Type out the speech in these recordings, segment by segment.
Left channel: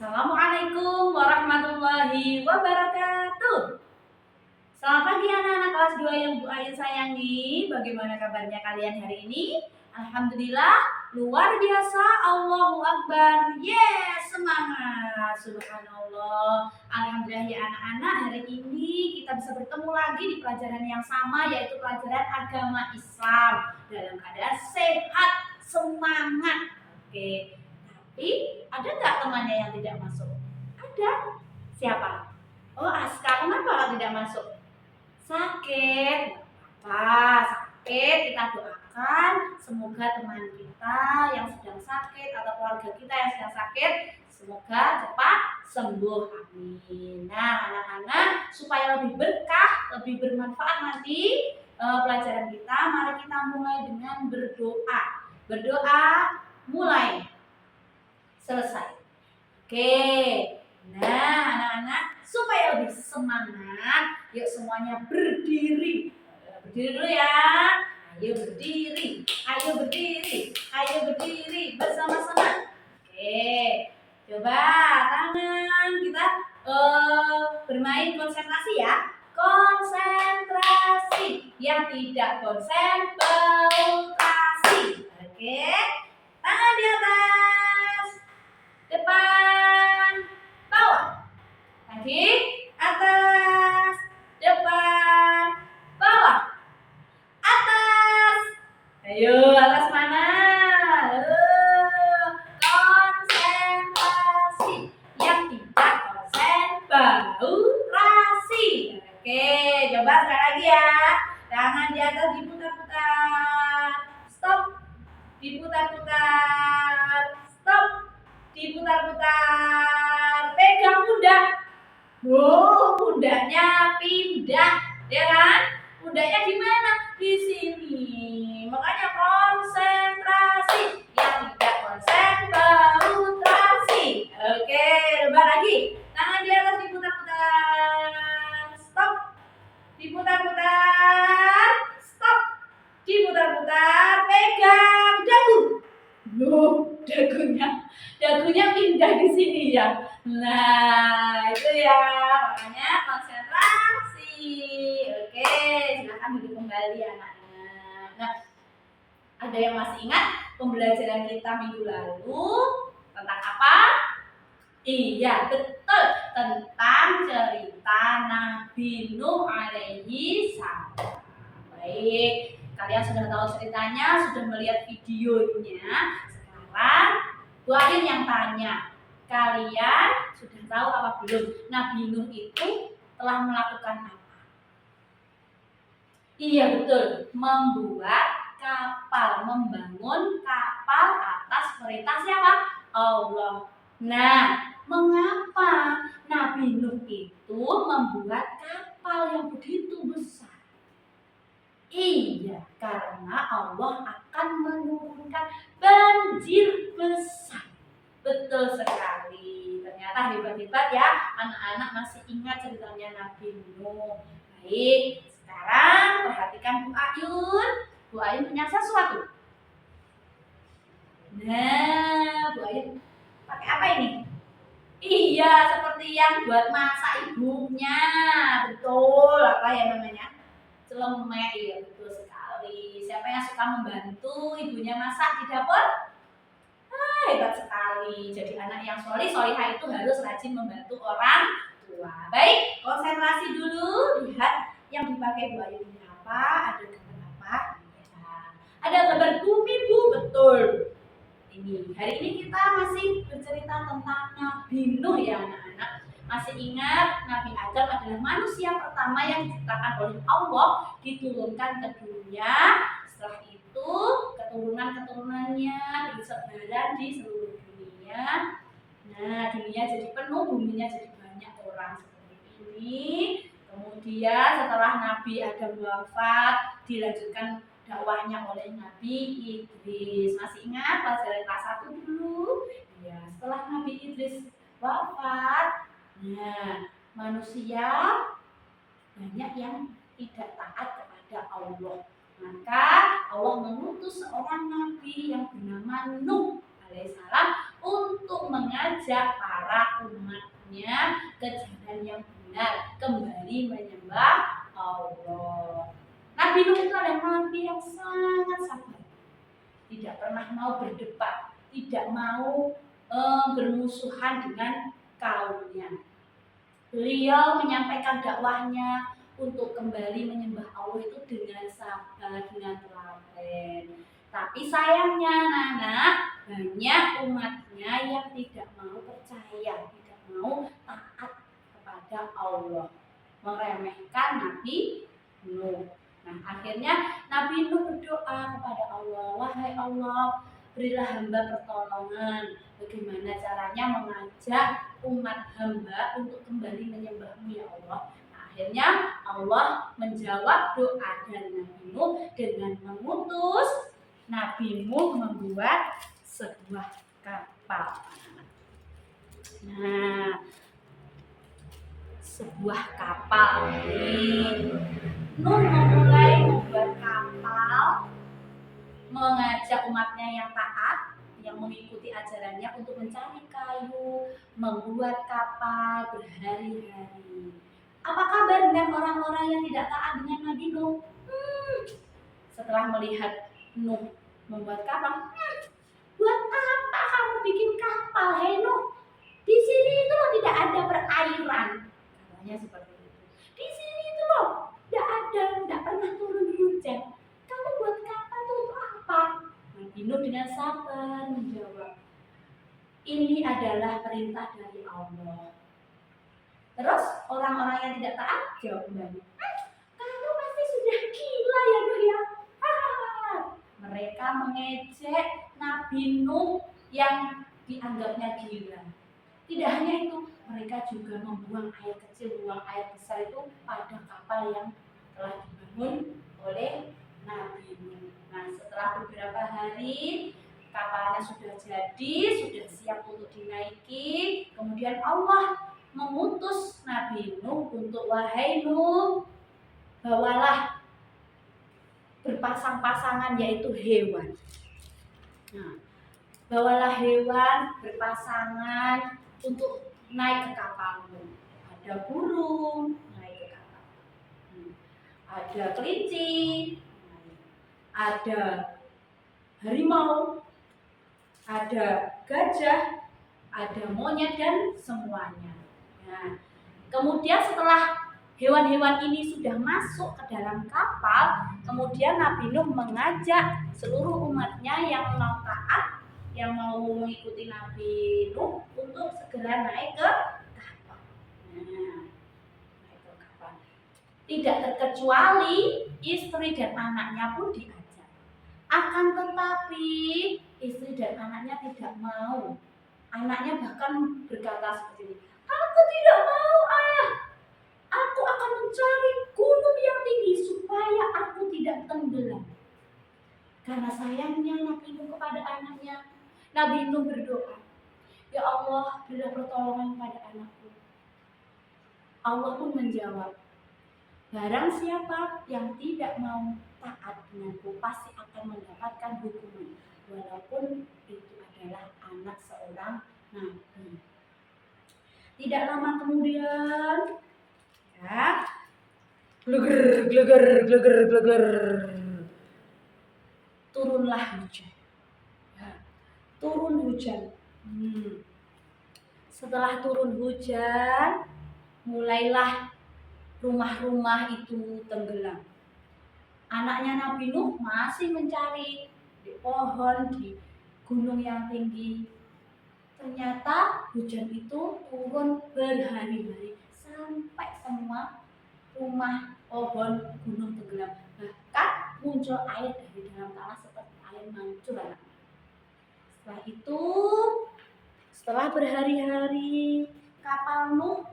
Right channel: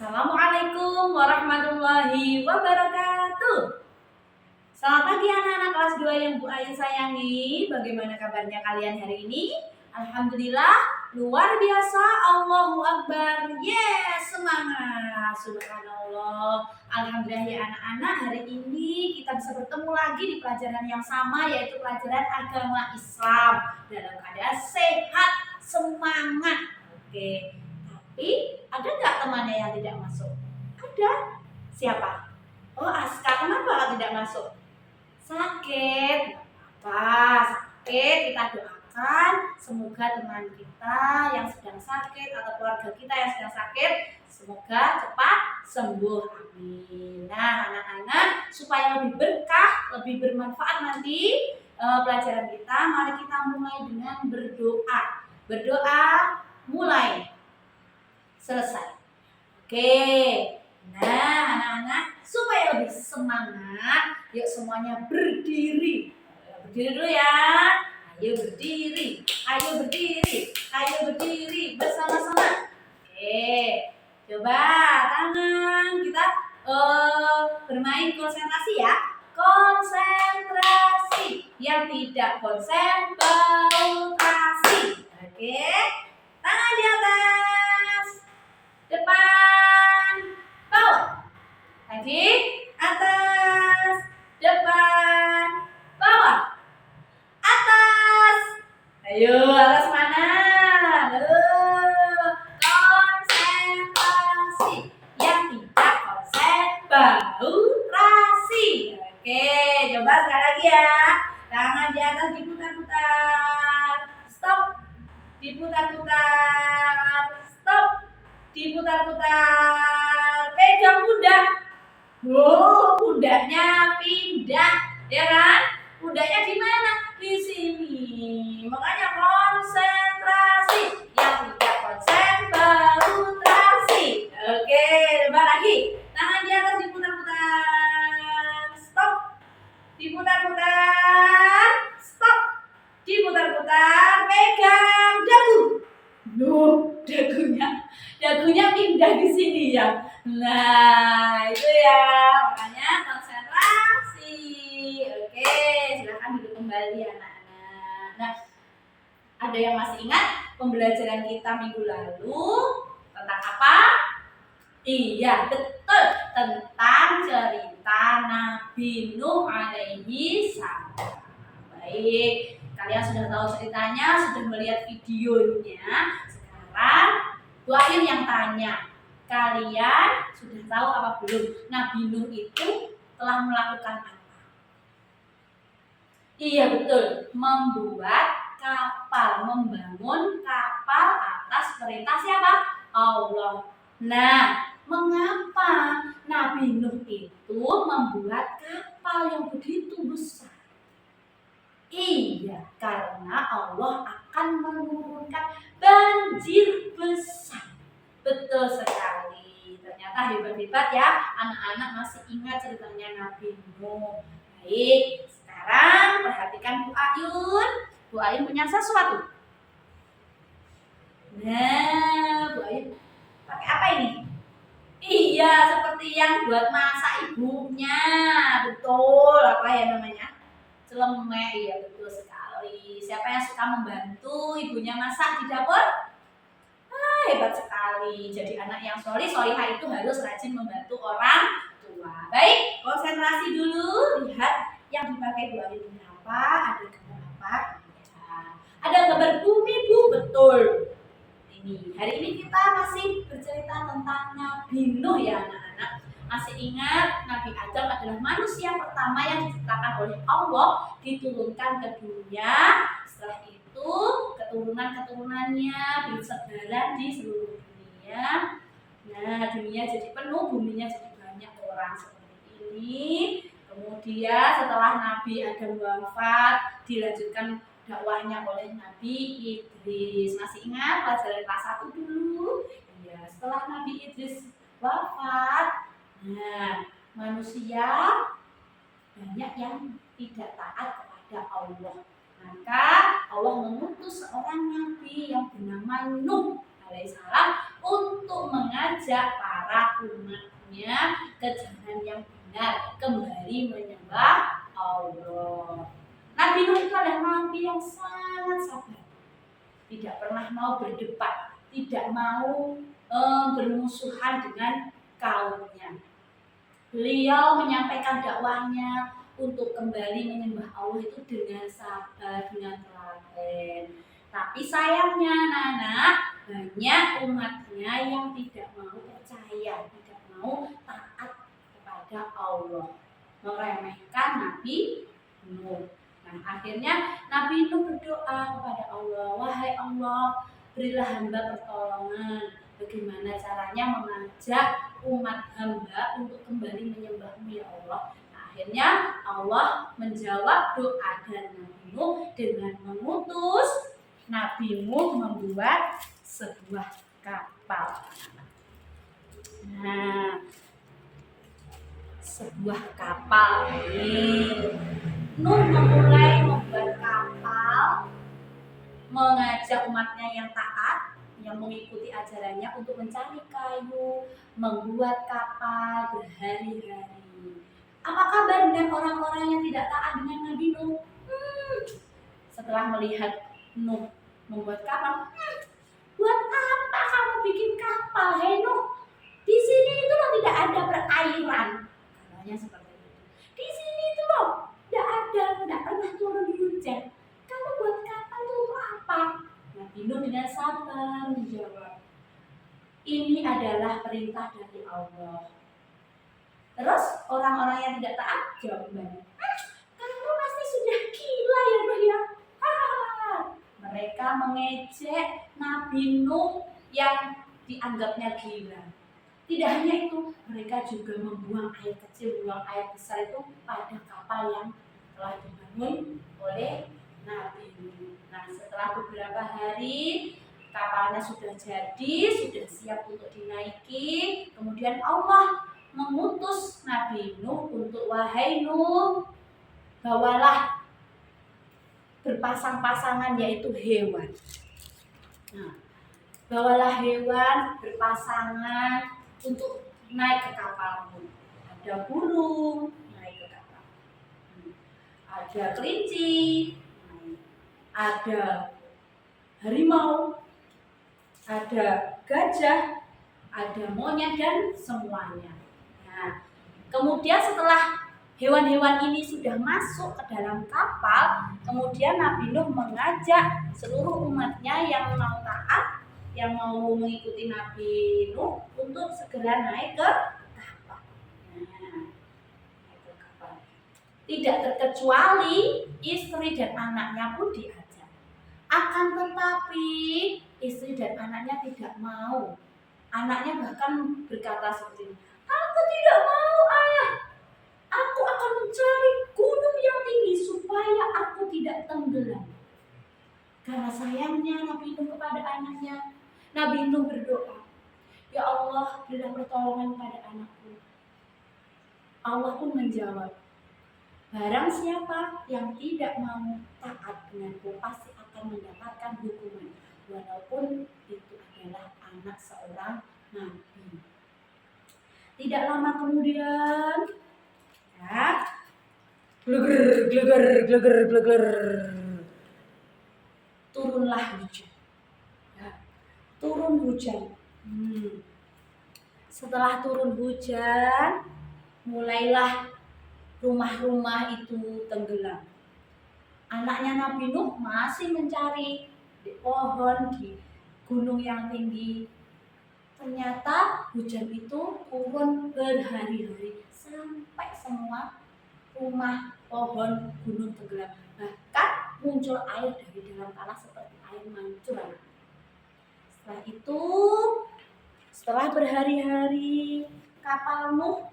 Assalamualaikum warahmatullahi wabarakatuh. Selamat pagi anak-anak kelas 2 yang Bu Ain sayangi. Bagaimana kabarnya kalian hari ini? Alhamdulillah, luar biasa. Allahu Akbar. Yes, semangat. Subhanallah. Alhamdulillah ya anak-anak, hari ini kita bisa bertemu lagi di pelajaran yang sama, yaitu pelajaran agama Islam dalam keadaan sehat, semangat. Oke. Tapi ada nggak temannya yang tidak masuk? Ada. Siapa? Oh, Aska. Kenapa tidak masuk? Sakit. Nggak apa-apa. Sakit. Kita doakan semoga teman kita yang sedang sakit atau keluarga kita yang sedang sakit semoga cepat sembuh. Amin. Nah, anak-anak, supaya lebih berkah, lebih bermanfaat nanti pelajaran kita, mari kita mulai dengan berdoa. Berdoa mulai. Selesai. Oke. Nah, anak-anak, supaya lebih semangat, yuk semuanya berdiri. Berdiri dulu ya. Ayo berdiri. Ayo berdiri. Ayo berdiri bersama-sama. Oke. Coba tangan kita bermain konsentrasi ya. Konsentrasi. Yang tidak konsentrasi. Oke. Tangan di atas. Depan, bawah. Lagi, atas, depan, bawah. Atas. Ayo, atas mana? Konsentrasi. Yang tidak konsentrasi. Oke, coba sekali lagi ya. Tangan di atas diputar-putar. Stop. Diputar-putar. Stop. Diputar-putar, pegang pundak. Pundaknya pindah, ya kan? Pundaknya di mana? Di sini. Makanya konsentrasi. Yang tidak konsentrasi. Oke, coba lagi. Tangan di atas diputar-putar. Stop. Diputar-putar. Stop. Diputar-putar, pegang dagu. Dagunya pindah di sini ya. Nah, itu ya. Makanya konsentrasi. Oke, silakan duduk kembali anak-anak. Nah, ada yang masih ingat pembelajaran kita minggu lalu tentang apa? Iya, betul. Tentang cerita Nabi Nuh alaihi salam. Baik, kalian sudah tahu ceritanya, sudah melihat videonya. Sekarang Bu Ain yang tanya, kalian sudah tahu apa belum? Nabi Nuh itu telah melakukan apa? Iya betul, membuat kapal, membangun kapal atas perintah siapa? Allah. Nah, mengapa Nabi Nuh itu membuat kapal yang begitu besar? Iya, karena Allah akan menurunkan banjir besar. Betul sekali. Ternyata hebat-hebat ya. Anak-anak masih ingat ceritanya Nabi Nuh. Baik, sekarang perhatikan Bu Ayun. Bu Ayun punya sesuatu. Nah, Bu Ayun pakai apa ini? Iya, seperti yang buat masak ibunya. Betul, apa ya namanya? Celemek. Iya, betul sekali. Siapa yang suka membantu ibunya masak di dapur? Hebat sekali. Jadi anak yang solihah itu harus rajin membantu orang tua. Baik, konsentrasi dulu. Lihat yang dipakai Bu Ayun ini apa? Ada gambar apa? Ya. Ada gambar bumi, Bu. Betul. Ini. Hari ini kita masih bercerita tentang Nabi Nuh ya anak-anak. Masih ingat Nabi Adam adalah manusia pertama yang diciptakan oleh Allah, diturunkan ke dunia. Setelah itu keturunan-keturunannya bersebaran di seluruh dunia. Nah, dunia jadi penuh, buminya jadi banyak orang seperti ini. Kemudian setelah Nabi Adam wafat, dilanjutkan dakwahnya oleh Nabi Idris. Masih ingat pelajaran kelas 1 dulu? Ya, setelah Nabi Idris wafat, nah, manusia banyak yang tidak taat kepada Allah. Maka Allah mengutus seorang nabi yang bernama Nuh alaihissalam untuk mengajak para para umatnya ke jalan yang benar, kembali menyembah Allah. Nabi Nuh itu adalah nabi yang sangat sabar, tidak pernah mau berdebat, tidak mau bermusuhan dengan kaumnya. Beliau menyampaikan dakwahnya untuk kembali menyembah Allah itu dengan sabar, dengan telaten. Tapi sayangnya anak-anak, banyak umatnya yang tidak mau percaya, tidak mau taat kepada Allah, meremehkan Nabi Nuh. Nah, akhirnya Nabi Nuh berdoa kepada Allah, wahai Allah, berilah hamba pertolongan. Bagaimana caranya mengajak umat hamba untuk kembali menyembahmu ya Allah. Nah, akhirnya Allah menjawab doa dari Nabi Nuh dengan mengutus Nabi Nuh membuat sebuah kapal. Nah, sebuah kapal ini Nuh memulai membuat kapal, mengajak umatnya yang taat, yang mengikuti ajarannya untuk mencari kayu, membuat kapal berhari-hari. Apa kabar dengan orang-orang yang tidak taat dengan Nabi Nuh? Setelah melihat Nuh membuat kapal, buat apa kamu bikin kapal, hei Nuh? Di sini itu loh tidak ada perairan, katanya seperti itu. Di sini itu loh tidak pernah turun hujan. Kamu buat kapal itu untuk apa? Nabi Nuh dengan sabar menjawab, ini adalah perintah dari Allah. Terus orang-orang yang tidak taat jawab kembali, kamu pasti sudah gila ya Nuh ya. Mereka mengejek Nabi Nuh yang dianggapnya gila. Tidak hanya itu, mereka juga membuang air kecil, buang air besar itu pada kapal yang telah dibangun oleh Nabi Nuh. Nah, setelah beberapa hari kapalnya sudah jadi, sudah siap untuk dinaiki. Kemudian Allah mengutus Nabi Nuh untuk, wahai Nuh, bawalah berpasang-pasangan yaitu hewan. Nah, bawalah hewan berpasangan untuk naik ke kapalmu. Ada burung naik ke kapal, ada kelinci, ada harimau, ada gajah, ada monyet dan semuanya. Nah, kemudian setelah hewan-hewan ini sudah masuk ke dalam kapal, kemudian Nabi Nuh mengajak seluruh umatnya yang mau taat, yang mau mengikuti Nabi Nuh untuk segera naik ke kapal. Nah, naik ke kapal. Tidak terkecuali istri dan anaknya pun diajak. Akan tetapi istri dan anaknya tidak mau. Anaknya bahkan berkata seperti ini, aku tidak mau ayah. Aku akan mencari gunung yang tinggi supaya aku tidak tenggelam. Karena sayangnya Nabi Nuh kepada anaknya, Nabi Nuh berdoa, ya Allah, berilah pertolongan pada anakku. Allah pun menjawab, barang siapa yang tidak mau taat denganku pasti akan mendapatkan hukuman, walaupun itu adalah anak seorang nabi. Tidak lama kemudian, ya, gleger, turunlah hujan. Turun hujan. Setelah turun hujan, mulailah rumah-rumah itu tenggelam. Anaknya Nabi Nuh masih mencari di pohon, di gunung yang tinggi. Ternyata hujan itu turun berhari-hari sampai semua rumah, pohon, gunung tenggelam. Bahkan muncul air dari dalam tanah seperti air mancur. Setelah itu, setelah berhari-hari kapal Nuh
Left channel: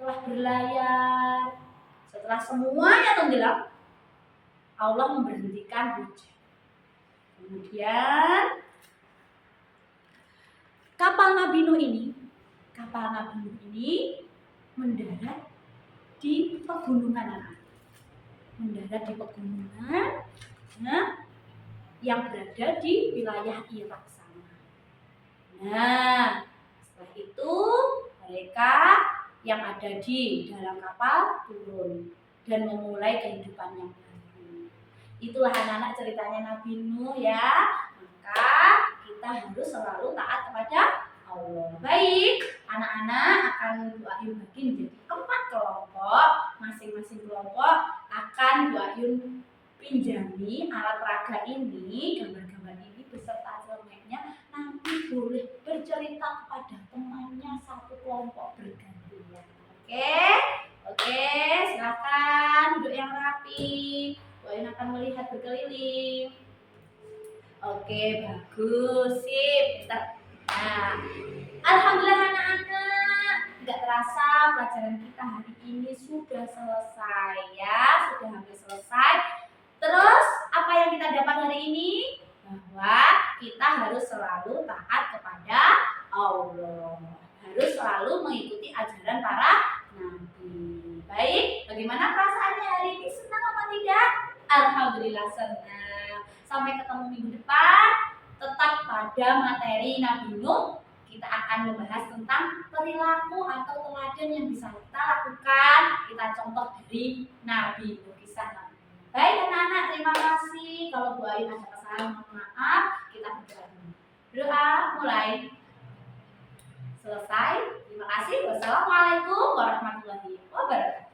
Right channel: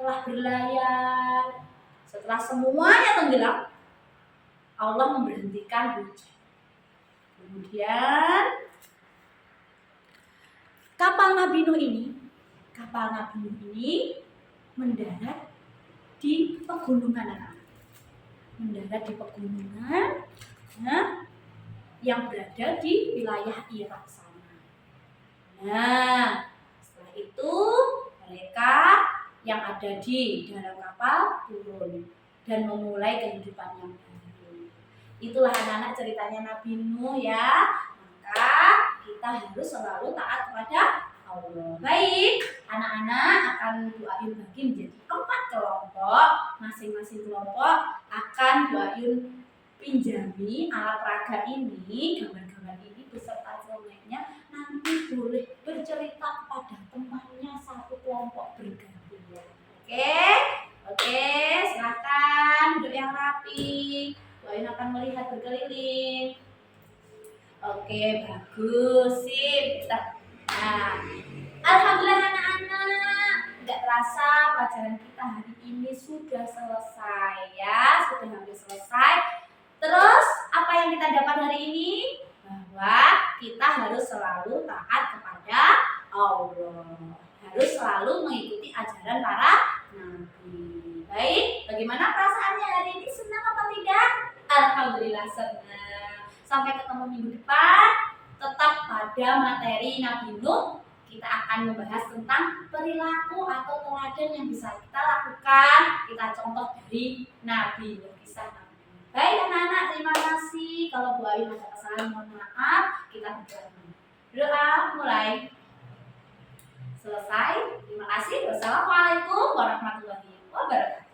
telah berlayar, setelah semuanya tenggelam, Allah memberhentikan hujan. Kemudian kapal Nabi Nuh ini mendarat di pegunungan, mendarat di pegunungan, yang berada di wilayah Irak sana. Nah, setelah itu yang ada di dalam kapal turun dan memulai kehidupan yang baru. Itulah anak-anak ceritanya Nabi Nuh ya. Maka kita harus selalu taat kepada Allah. Baik, anak-anak akan Bu Ayun bagi menjadi 4 kelompok. Masing-masing kelompok akan Bu Ayun pinjami alat peraga ini, gambar-gambar ini beserta cermennya. Nanti boleh bercerita kepada temannya satu kelompok bergantian. Oke, silakan duduk yang rapi. Bu Ayun akan melihat berkeliling. Oke, bagus, sip. Nah, alhamdulillah anak-anak, tidak terasa pelajaran kita hari ini sudah selesai ya, sudah hampir selesai. Terus apa yang kita dapat hari ini? Bahwa kita harus selalu taat kepada Allah, harus selalu mengikuti ajaran para nabi. Baik, bagaimana perasaannya hari ini? Senang apa tidak? Alhamdulillah senang. Sampai ketemu minggu depan. Tetap pada materi Nabi Nuh, kita akan membahas tentang perilaku atau teladan yang bisa kita lakukan. Kita contoh dari Nabi Nuh, kisah Nabi Nuh. Baik anak-anak, terima kasih. Kalau Bu Ayun ada kesalahan, mohon maaf. Kita berdoa dulu. Doa mulai. Selesai. Terima kasih. Wassalamualaikum warahmatullahi wabarakatuh.